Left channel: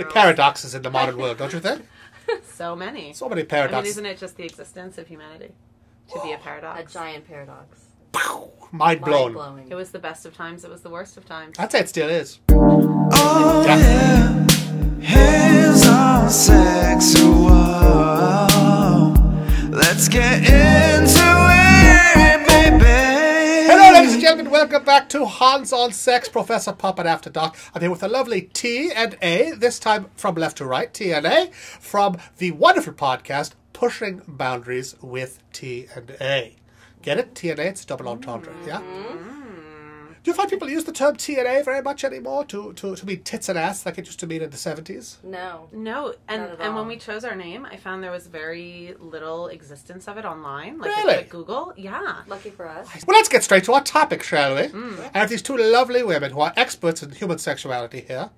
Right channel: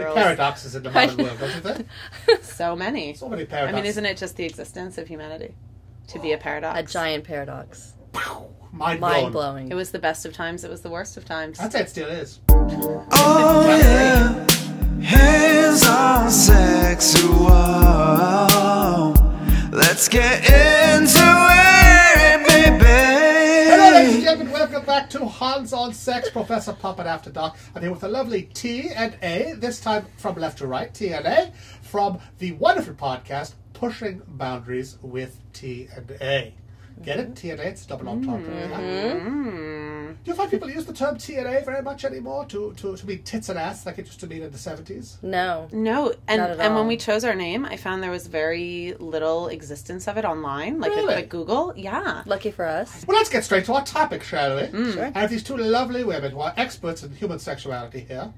many paradoxes in the modern world, don't you think? So many. So many paradoxes. I mean, isn't it just the existence of humanity to be a paradox? A giant paradox. Mind Mind-blowing. It was the best of times. It was the worst of times. I'd say it still is. Oh yeah, hands on sexual. Let's get into it, baby. Hello, ladies and gentlemen. Welcome back to Hands on Sex, Professor Puppet After Dark. I'm here with the lovely T and A, this time from left to right, T and A, from the wonderful podcast, Pushing Boundaries with T and A. Get it? T and A, it's double entendre, yeah? Do you find people use the term T and A very much anymore to mean tits and ass like it used to mean in the 70s? No. No, Not at and all. when we chose our name, I found there was very little existence of it online. Like Really? like Google. Yeah. Lucky for us. Well, let's get straight to our topic, shall we? Sure. I have these two lovely women who are experts in human sexuality here.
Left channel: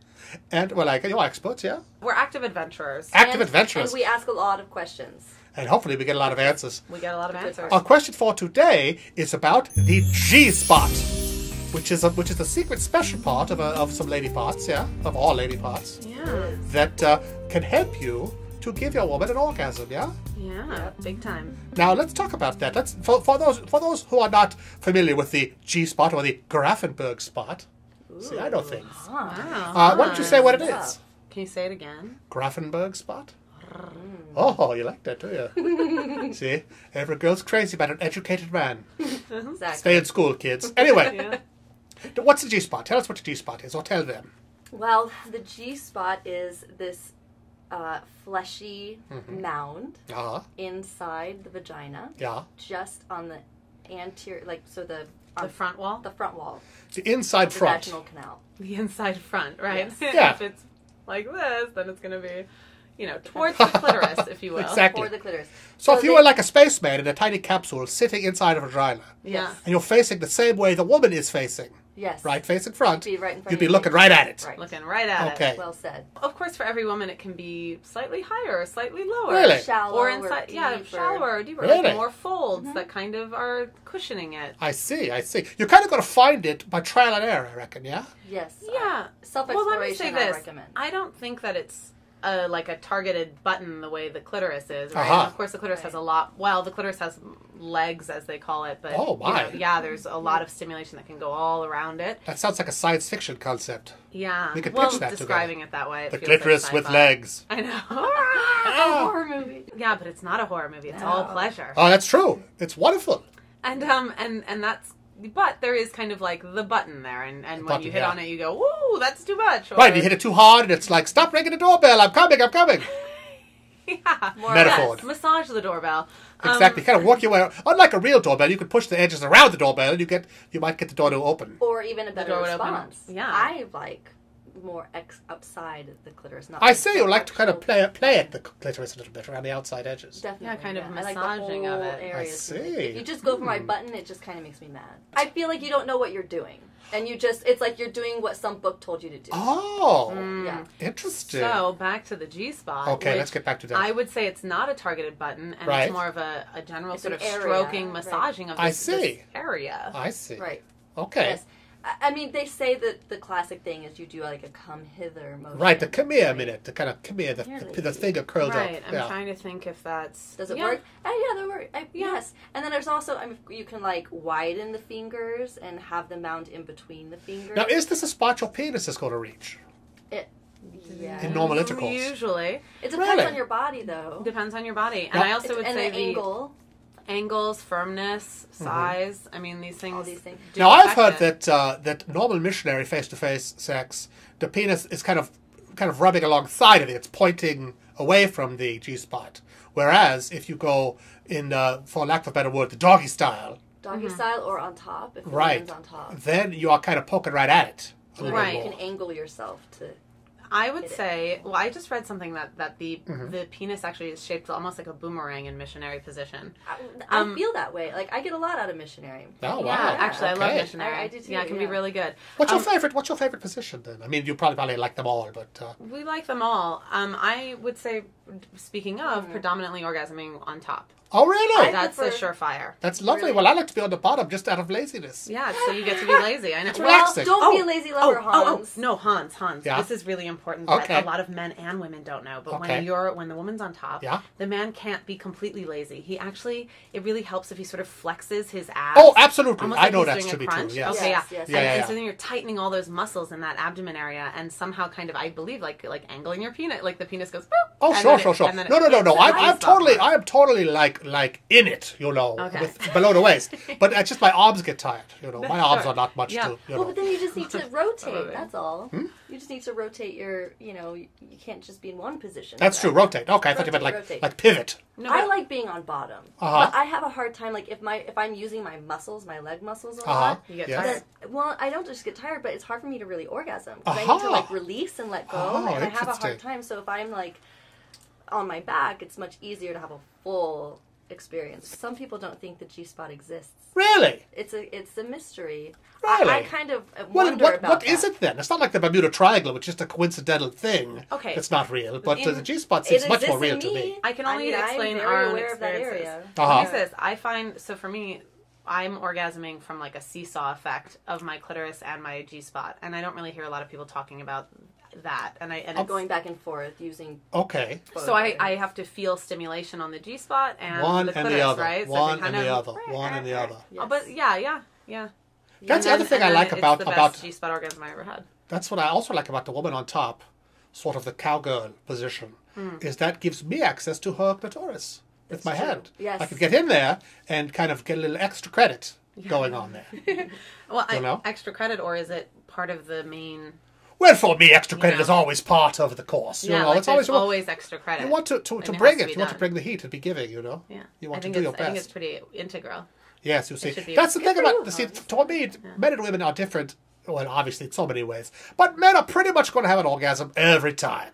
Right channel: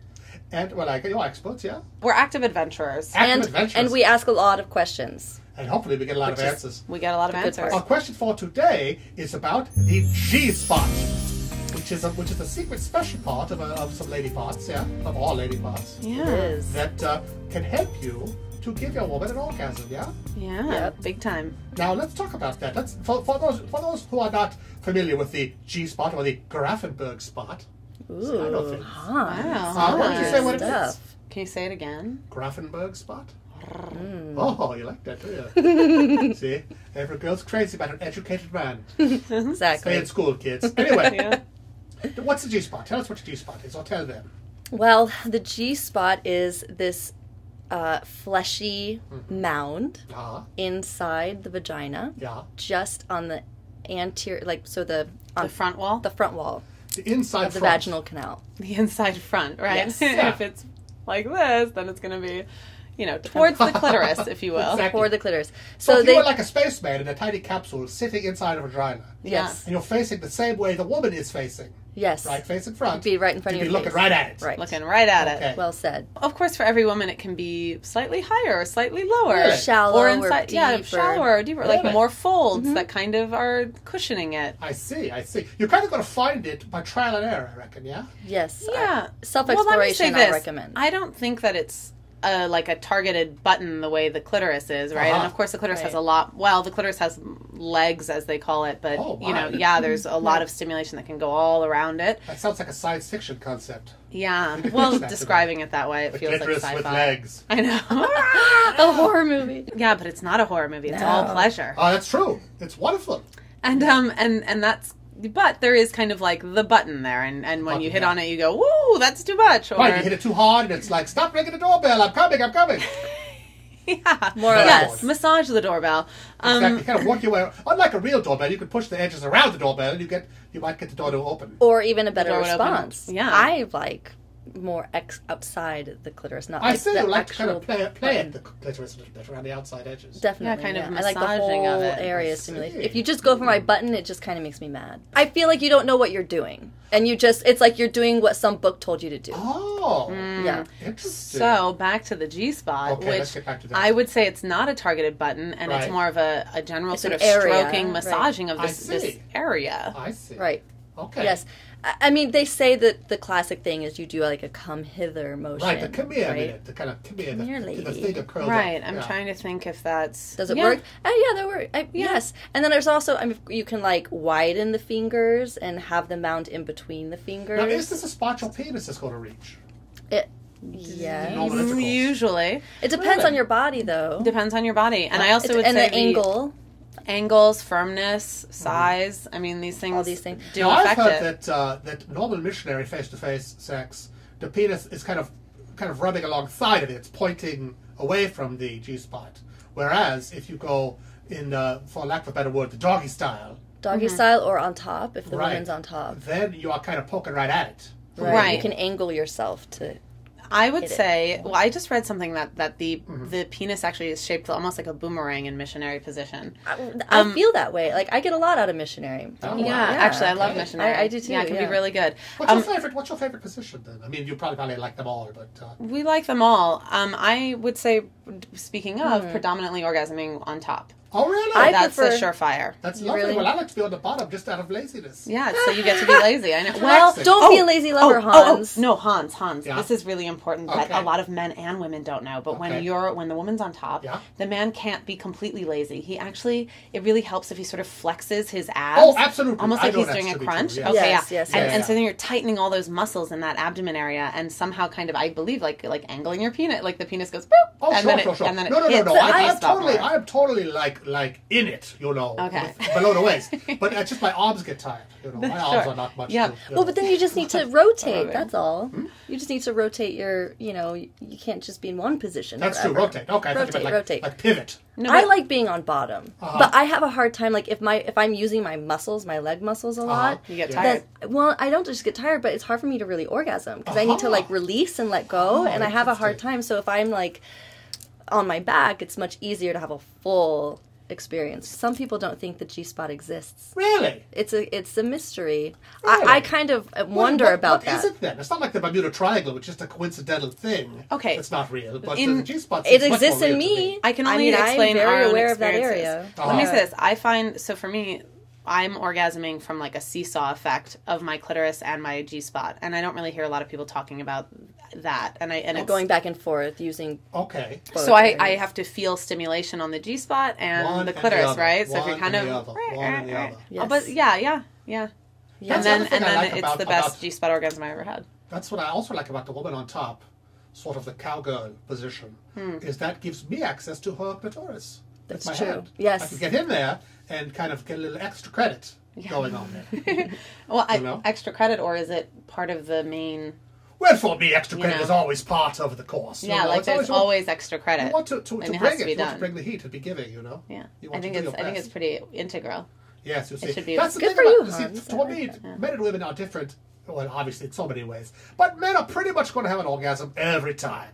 And, well, you're experts, yeah? We're active adventurers. Active adventurers. And we ask a lot of questions. And hopefully we get a lot of answers. We get a lot of good answers. part. Our question for today is about the GSpot, which is a secret special part of some lady parts, yeah, of all lady parts, Yeah. It is. that can help you to give your woman an orgasm, yeah. Yeah. Yep. Big time. Now let's talk about that. Let's for those who are not familiar with the GSpot or the Grafenberg spot. See, I know things. Huh. Wow. Why don't you say what it is? Stuff. Can you say it again? Grafenberg spot. Oh, you like that, do you? See, every girl's crazy about an educated man. Exactly. Stay in school, kids. Anyway, Yeah. what's the GSpot? Tell us what the GSpot is, or tell them. Well, the G-spot is this fleshy mound Uh-huh. inside the vagina, Yeah. just on the anterior, The front wall? the front wall The inside of the front. vaginal canal. The inside front, right? Yes. Yeah. If it's like this, then it's going to be, towards the clitoris, if you will. Exactly. Or the clitoris. So if you they- were like a spaceman in a tiny capsule sitting inside a vagina, Yes. and you're facing the same way the woman is facing, Yes. right, facing front, You'd be right in front you'd of be your looking face. right at it. Right. Looking right at Okay. it. Well said. Of course, for every woman, it can be slightly higher or slightly lower. Really? Shallow Or or inside, deep. yeah, or- shallower or deeper. Really? Like more folds that kind of are cushioning it. I see. You're kind of going to find it by trial and error, I reckon, yeah? Yes. Yeah. Self-exploration, Well, let me say I this. recommend. I don't think that it's like a targeted button the way the clitoris is, right? Uh-huh. And of course, the clitoris Right. has a lot. Well, the clitoris has legs, as they call it, but Oh, my. there's a lot of stimulation that can go all around it. That sounds like a science fiction concept. Yeah. We could Well, pitch that describing it that way, it The feels like clitoris with sci-fi. legs. I know. A horror movie. Yeah, but it's not a horror movie. It's No. all pleasure. Oh, that's true. It's wonderful. And that's. But there is kind of like the button there, and when Button, you hit yeah. on it, you go, "Woo, that's too much." Or, Right, you hit it too hard, and it's like, stop ringing the doorbell, I'm coming. Yeah. More or Metaphor. less. Massage the doorbell. Exactly, kind of work your way. Unlike a real doorbell, you can push the edges around the doorbell, and you might get the door to open. Or even a better door would open. response. Yeah. I like more outside the clitoris, not I like see the you like to kind of actual play at button. the clitoris a little bit around the outside edges. Definitely. Yeah, kind of I like the massaging whole of it. area I stimulated. see. If you just go for my button, it just kind of makes me mad. I feel like you don't know what you're doing. And it's like you're doing what some book told you to do. Oh, Yeah. interesting. So back to the G-spot. Okay, which let's get back to that. I would say it's not a targeted button, and Right. it's more of a general It's sort an of area, stroking, right. massaging of I this see. area. I see. Right. Okay. Yes. I mean, they say that the classic thing is you do like a come hither motion. Right, the come here right? minute, the kind of come here, Come here, the lady. finger curled Right. up. I'm yeah. trying to think if that's Does it yeah. work? Yeah, that works. Yes. And then there's also, you can like widen the fingers and have the mount in between the fingers. Now, is this a spot your penis is going to reach? Yeah. In normal intervals? Usually It depends Really? on your body, though. depends on your body, and Yeah. I also would and say the angle, angles, firmness, size. I mean, these things. all these things. do Now, I've affect heard it. that normal missionary face-to-face sex, the penis is kind of rubbing alongside of it. It's pointing away from the G-spot. Whereas if you go in, for lack of a better word, the doggy style, Doggy style or on top, if the right, woman's on top. then you are kind of poking right at it. a little Right. You more. can angle yourself to... I would hit it. say, well, I just read something that the Mm-hmm. the penis actually is shaped almost like a boomerang in missionary position. I feel that way. Like, I get a lot out of missionary. Oh, wow. Yeah, actually, I love Okay. missionary. I do too, Yeah, it can yeah. be really good. What's your favorite position then? I mean, you probably like them all, but We like them all. I would say, speaking of, Hmm. predominantly orgasming on top. Oh, really? That's prefer- a surefire. That's lovely. Really? Well, I like to be on the bottom just out of laziness. Yeah, so you get to be lazy. I know. Well, Relaxing. don't be a lazy lover, Hans. No, Hans. Yeah. This is really important that Okay. a lot of men and women don't know. But Okay. when the woman's on top, Yeah. the man can't be completely lazy. It really helps if he sort of flexes his abs. Oh, absolutely. Almost I like know he's that's doing to a be crunch. true, yes. Okay, Yes, yeah. yes, And, yes. and so then you're tightening all those muscles in that abdomen area, and somehow kind of, I believe, like angling your penis, like the penis goes. Boop, Oh, and sure, then sure, it- sure. and then No, it no, no, hits no. the I'm spot totally, more. I am totally like in it, you know, Okay. below the waist. But it's just my arms get tired, you know. My arms are not much Yeah. to, you Well, know. but then you just need to rotate. yeah. That's all. Hmm? You just need to rotate your. You can't just be in one position. That's true. forever. Rotate. Okay, I thought you meant Rotate. like pivot. No, I but- like being on bottom, Uh-huh. but I have a hard time. Like if I'm using my muscles, my leg muscles a lot. You get Yeah. tired. Well, I don't just get tired, but it's hard for me to really orgasm because I need to Aha. like release and let go, Oh, and I have a hard interesting. time. So if I'm like on my back, it's much easier to have a full experience. Some people don't think the G-spot exists. Really? It's a mystery. Really? I kind of wonder about what that. is it then? It's not like the Bermuda Triangle, which is just a coincidental thing. Okay. It's not real, but In- the G-spot It seems much more exists real in to me. me. I can only I'm explain very our own aware of that experiences. area. Let me Uh-huh. say this. I find, so for me, I'm orgasming from like a seesaw effect of my clitoris and my G-spot. And I don't really hear a lot of people talking about that. And I'm it's, going back and forth using Okay. both so I areas. have to feel stimulation on the G-spot and One the and the clitoris, other. right? So if One you're kind and of the other. One and the other. Yes. But yeah. That's the other thing I like it's about the best G-spot orgasm I ever had. That's what I also like about the woman on top, sort of the cowgirl position, is that gives me access to her clitoris with That's my true. hand. Yes. I can get in there and kind of get a little extra credit going on there. Well, You know? extra credit, or is it part of the main? Well, for me, extra credit know. is always part of the course. You Yeah, know, like it's there's always, always extra credit. you want to and bring has to it. be You want to done. bring the heat and be giving. You know. Yeah, You want I think to do it's your I think best. it's pretty integral. Yes, you see. should be- That's the Good thing for about. you, See, Hans. to me, men and women are different. Well, obviously, in so many ways, but men are pretty much going to have an orgasm every time.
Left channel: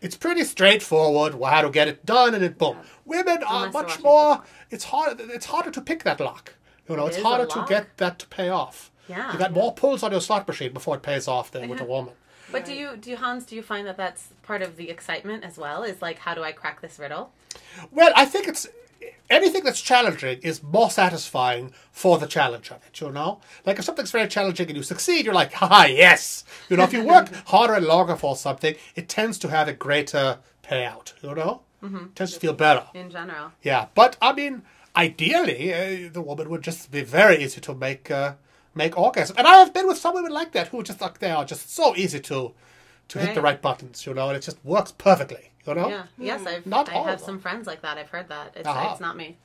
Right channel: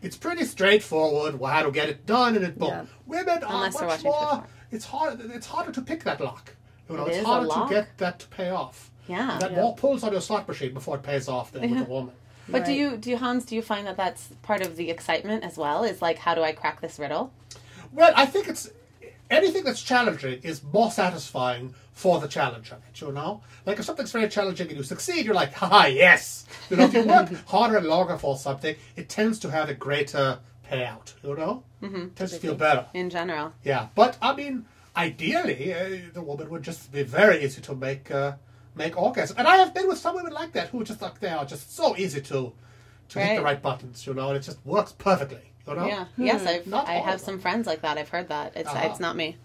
It's pretty straightforward how to get it done, and it boom. Yeah. Women are Unless they're much watching more. football. It's harder to pick that lock. You know, It it's is a harder to lock. get that to pay off. Yeah. You got more pulls on your slot machine before it pays off than with a woman. But Right. do you Hans, do you find that that's part of the excitement as well? Is like, how do I crack this riddle? Well, I think it's anything that's challenging is more satisfying for the challenge of it, you know? Like if something's very challenging and you succeed, you're like, haha, yes! You know, if you work harder and longer for something, it tends to have a greater payout, you know? Mm-hmm. It tends to feel better. In general, Yeah, but I mean, ideally, the woman would just be very easy to make orgasm. And I have been with some women like that who just like they are just so easy to hit the Right. right buttons, you know, and it just works perfectly, you know? yeah, yes, Not I all have of them. some friends like that. I've heard that. It's not me.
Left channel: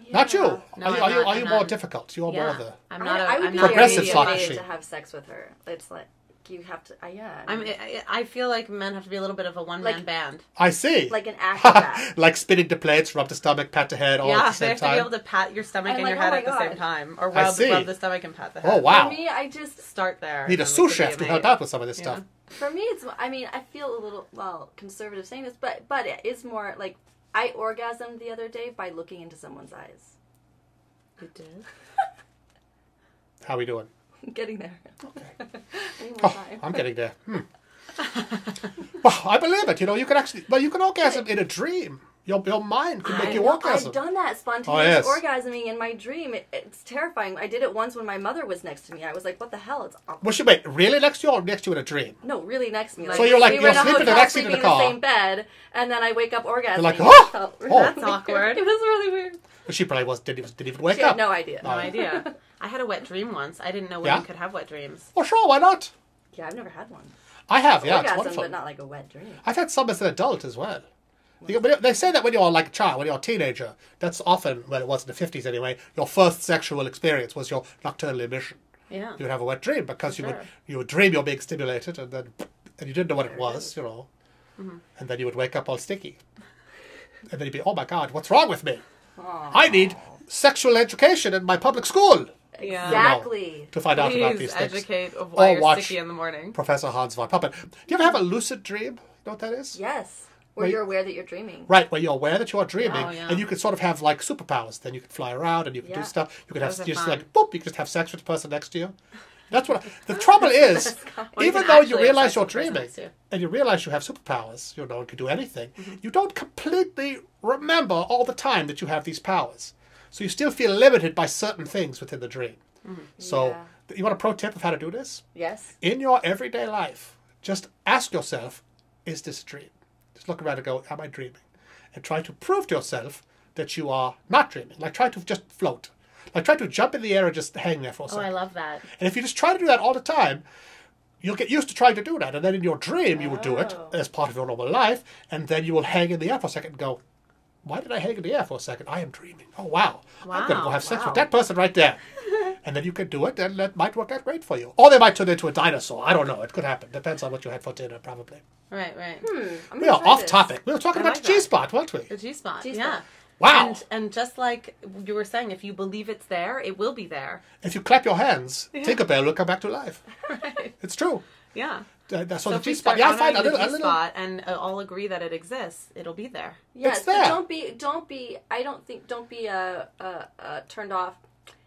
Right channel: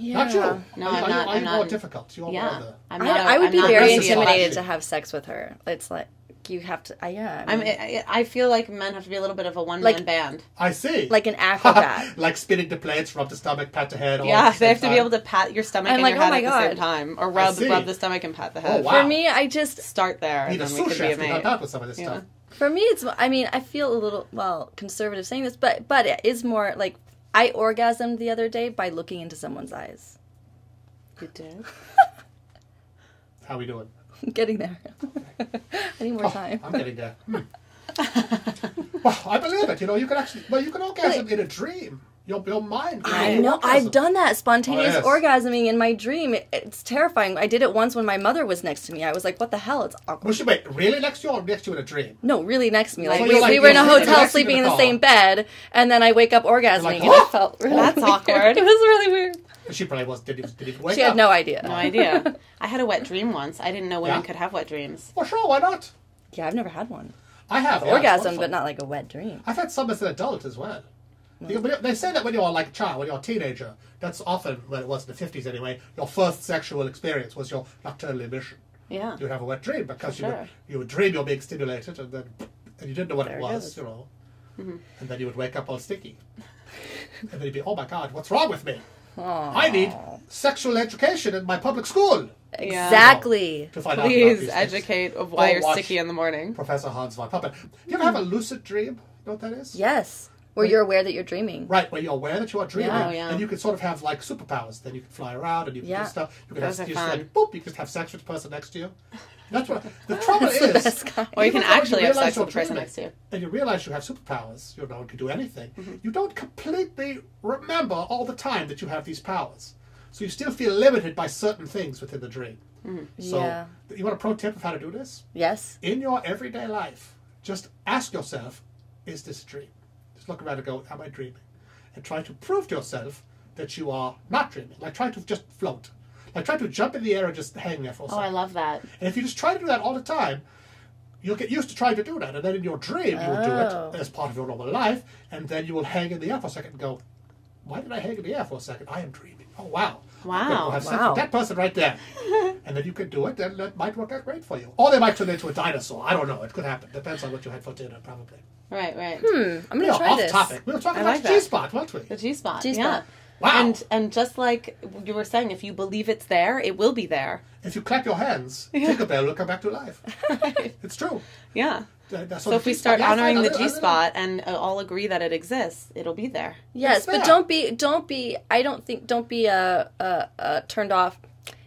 Not you. Yeah. No, are you, I'm not- are I'm you not- more difficult? You are more Yeah, the... I'm not. I would I'm be not very Progressive intimidated slut. to have sex with her. It's like you have to. Yeah. I feel like men have to be a little bit of a one man Like- band. I see. like an acrobat. Like spinning the plates, rub the stomach, pat the head, all Yeah, at the they same have to time. be able to pat your stomach I'm and like, your oh head my at the same God. time, or I rub see. the stomach and pat the head. Oh, wow. For me, I just Start there. Need a and then we sous could chef be to a help maid. out with some of this stuff. for me it's. I mean, I feel a little conservative saying this, but it is more like I orgasmed the other day by looking into someone's eyes. You did. How we doing? I'm getting there. I need more time. I'm getting there. Well, I believe it. You know, you can actually... Well, you can orgasm in a dream. Your mind can make I you know. orgasm. I've done that spontaneous Oh, yes. orgasming in my dream. It's terrifying. I did it once when my mother was next to me. I was like, "What the hell?" It's awkward. Was she, wait, really next to you or next to you in a dream? No, really next to me. Like, So you're like- we were in a you're sleeping hotel next to you in sleeping in the the car. same bed, and then I wake up orgasming. like, and "Oh!" it felt really Oh. That's weird. awkward. It was really weird. She probably didn't even wake She up. had no idea. No idea. I had a wet dream once. I didn't know women Yeah? could have wet dreams. Well, sure, why not? Yeah, I've never had one. I have, yeah. it's Orgasm, wonderful. but not like a wet dream. I've had some as an adult as well. They say that when you're like a child, when you're a teenager, that's often, well, it was in the 50s anyway, your first sexual experience was your nocturnal emission. Yeah. You would have a wet dream because For you would dream you're being stimulated and you didn't know what it There it was, is. you know. And then you would wake up all sticky. And then you'd be, oh my God, what's wrong with me? I need sexual education in my public school Yeah. Exactly. to find out about Please these things. educate of why Or you're watch sticky in the morning. Professor Hans von Puppen. Do you ever have a lucid dream? You know what that is? Yes. Where Wait. you're aware that you're dreaming. Right, where you're aware that you are dreaming, Oh, yeah. and you can sort of have like superpowers. Then you can fly around and you can Yeah. do stuff. You can Those have are you just fun. like boop. You can just have sex with the person next to you. That's what the trouble is. best guy. Or you Even can though you actually have realize sex you're with the person dreaming next to you. and you realize you have superpowers, no one can do anything. Mm-hmm. You don't completely remember all the time that you have these powers, so you still feel limited by certain things within the dream. So, Yeah. you want a pro tip of how to do this? Yes. In your everyday life, just ask yourself, is this a dream? Just look around and go, am I dreaming? And try to prove to yourself that you are not dreaming. Like, try to just float. Like, try to jump in the air and just hang there for a Oh, second. I love that. And if you just try to do that all the time, you'll get used to trying to do that. And then in your dream, you will do it Oh. as part of your normal life. And then you will hang in the air for a second and go, why did I hang in the air for a second? I am dreaming. Oh, wow. I'm going to go Wow. have sex Wow. with that person right there. And then you can do it, and that might work out great for you. Or they might turn into a dinosaur. I don't know. It could happen. Depends on what you had for dinner, probably. Right. I'm Yeah, gonna try off this. topic. We were talking I about like the that. G-spot, weren't we? The G-spot. G-spot. Yeah. Wow. And just like you were saying, if you believe it's there, it will be there. If you clap your hands, Tinkerbell will come back to life. It's true. Yeah. So So the if we G-spot, start yeah, I find honoring a the little- a little- G-spot and all agree that it exists, it'll be there. Yes, It's but there. don't be. I don't think. Don't be turned off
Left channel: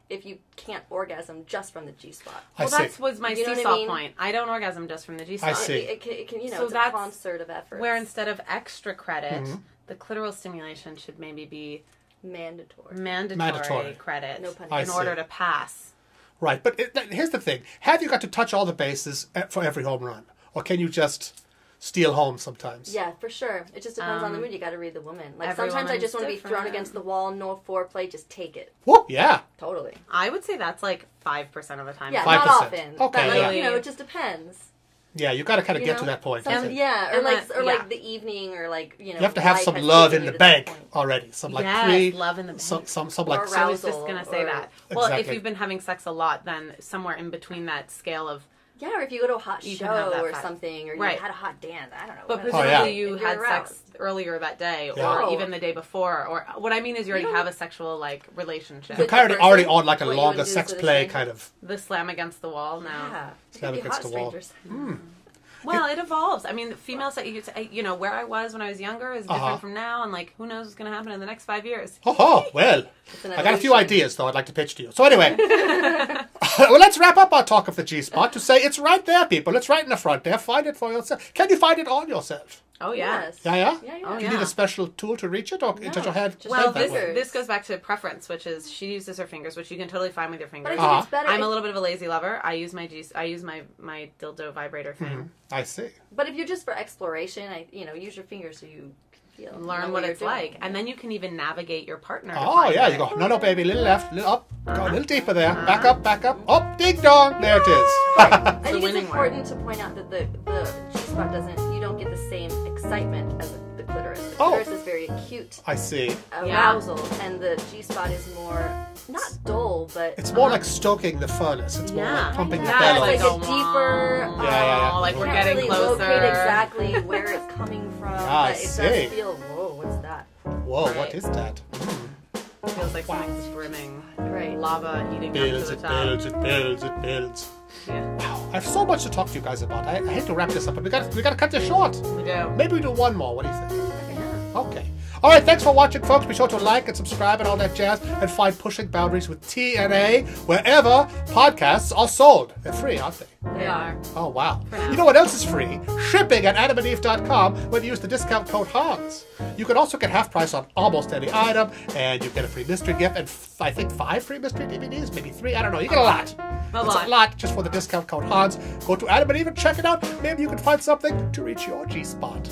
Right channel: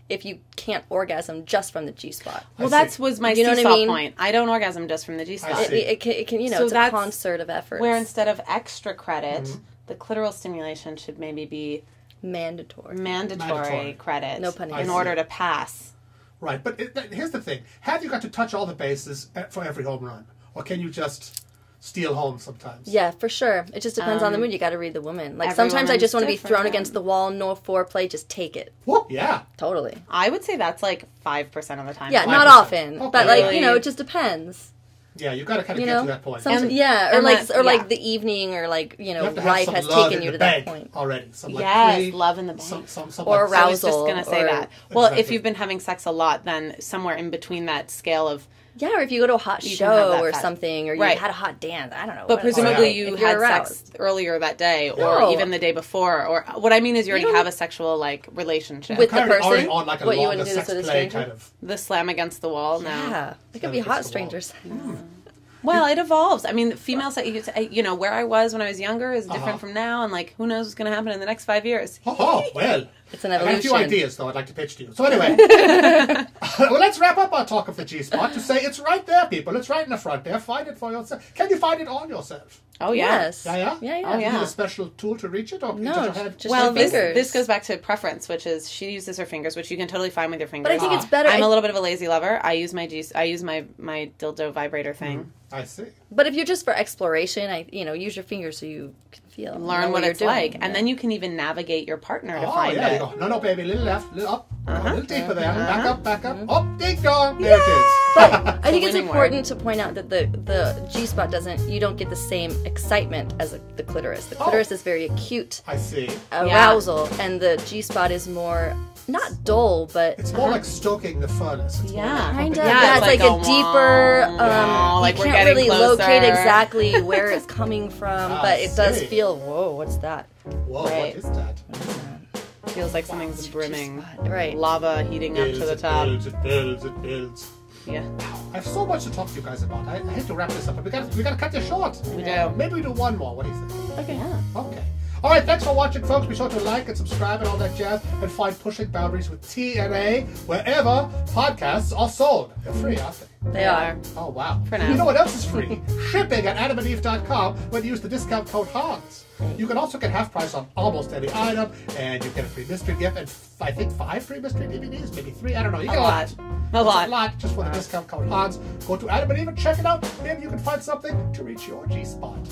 if you can't orgasm just from the G spot. I Well, see. that was my You know what I C-spot mean? point. I don't orgasm just from the G-spot. I see. It can. So It's a that's concert of efforts. Where instead of extra credit, Mm-hmm. the clitoral stimulation should maybe be mandatory. mandatory credit No pun I in see. order to pass. Right, but here's the thing. Have you got to touch all the bases for every home run? Or can you just steal home sometimes? Yeah, for sure. It just depends on the mood. You got to read the woman. Like every sometimes I just want woman's to be thrown different. against the wall. No foreplay. Just take it. Whoop, yeah. Totally. I would say that's like 5% of the time. Yeah, 5%. not often, Okay, but like yeah. it just depends. Yeah, you got to kind of You get know, to that point. Some, You yeah, or And like that- or like yeah. the evening, or like have to have life some has love taken in you the to that bank point. already. Some like Yes, love in the bank. some Or like arousal. I was just going to say or- that. Well, if Exactly. you've been having sex a lot, then somewhere in between that scale of... Yeah, or if you go to a hot You can have show that or fat- something, or you Right. had a hot dance. I don't know. But what- presumably Oh, yeah. you If you're had aroused. sex earlier that day, Yeah. or No. even the day before. Or what I mean is you already don't- have a sexual like relationship. With kind the of already person? on like a What, you longer wouldn't do sex this with a play stranger? kind of. The slam against the wall. No. Yeah, they Slam could be against hot the wall. strangers. Well, it evolves. I mean, female sex, you know, where I was when I was younger is different Uh-huh. from now, and like who knows what's going to happen in the next 5 years. Oh, well. It's an I evolution. got a few ideas, though, I'd like to pitch to you. So anyway, well, let's wrap up our talk of the G-spot to say it's right there, people. It's right in the front there. Find it for yourself. Can you find it on yourself? Oh yeah. Yes. Yeah, yeah? Yeah, yeah. Oh, Do yeah. you need a special tool to reach it, or No, just your head? just Well, your this fingers. this goes back to preference, which is she uses her fingers, which you can totally find with your But I fingers. think it's better. I'm a little bit of a lazy lover. I use my my dildo vibrator thing. I see. But if you're just for exploration, use your fingers so you can feel, Learn know what you're it's doing. like, and Yeah. then you can even navigate your partner. To Oh, find yeah, it. you go. No, baby, little left, little up. Go a little deeper there. Back up, back up. Oh, ding dong. There it is. But I think it's winning important to point out that the G-spot you don't get the same excitement as the clitoris. The Oh. clitoris is very acute I see. arousal, and the G-spot is more, not dull, but It's more like stoking the furnace. It's more Yeah. like pumping kinda, the Yeah, yeah, belly. it's like like a deeper, yeah. Like you we're can't getting really closer. locate exactly where it's coming from, but it does see. feel, whoa, what's that? Whoa, what Right. is that? Feels like something's brimming. Right. Lava heating up to Builds, the it top. builds, it builds, it builds. Yeah, I have so much to talk to you guys about. I hate to wrap this up, but we got to cut this short. we do. Maybe we do one more. What do you think? Okay. Okay. All right, thanks for watching, folks. Be sure to like and subscribe and all that jazz, and find Pushing Boundaries with TNA wherever podcasts are sold. They're free, aren't they? They are. Oh, wow. For now. You know what else is free? Shipping at adamandeve.com when you use the discount code HANS. You can also get half price on almost any item, and you get a free mystery gift, and I think 5 free mystery DVDs, maybe 3, I don't know. You get a lot. A That's lot. a lot just for the discount code HANS. Go to Adam and Eve and check it out. Maybe you can find something to reach your G-spot.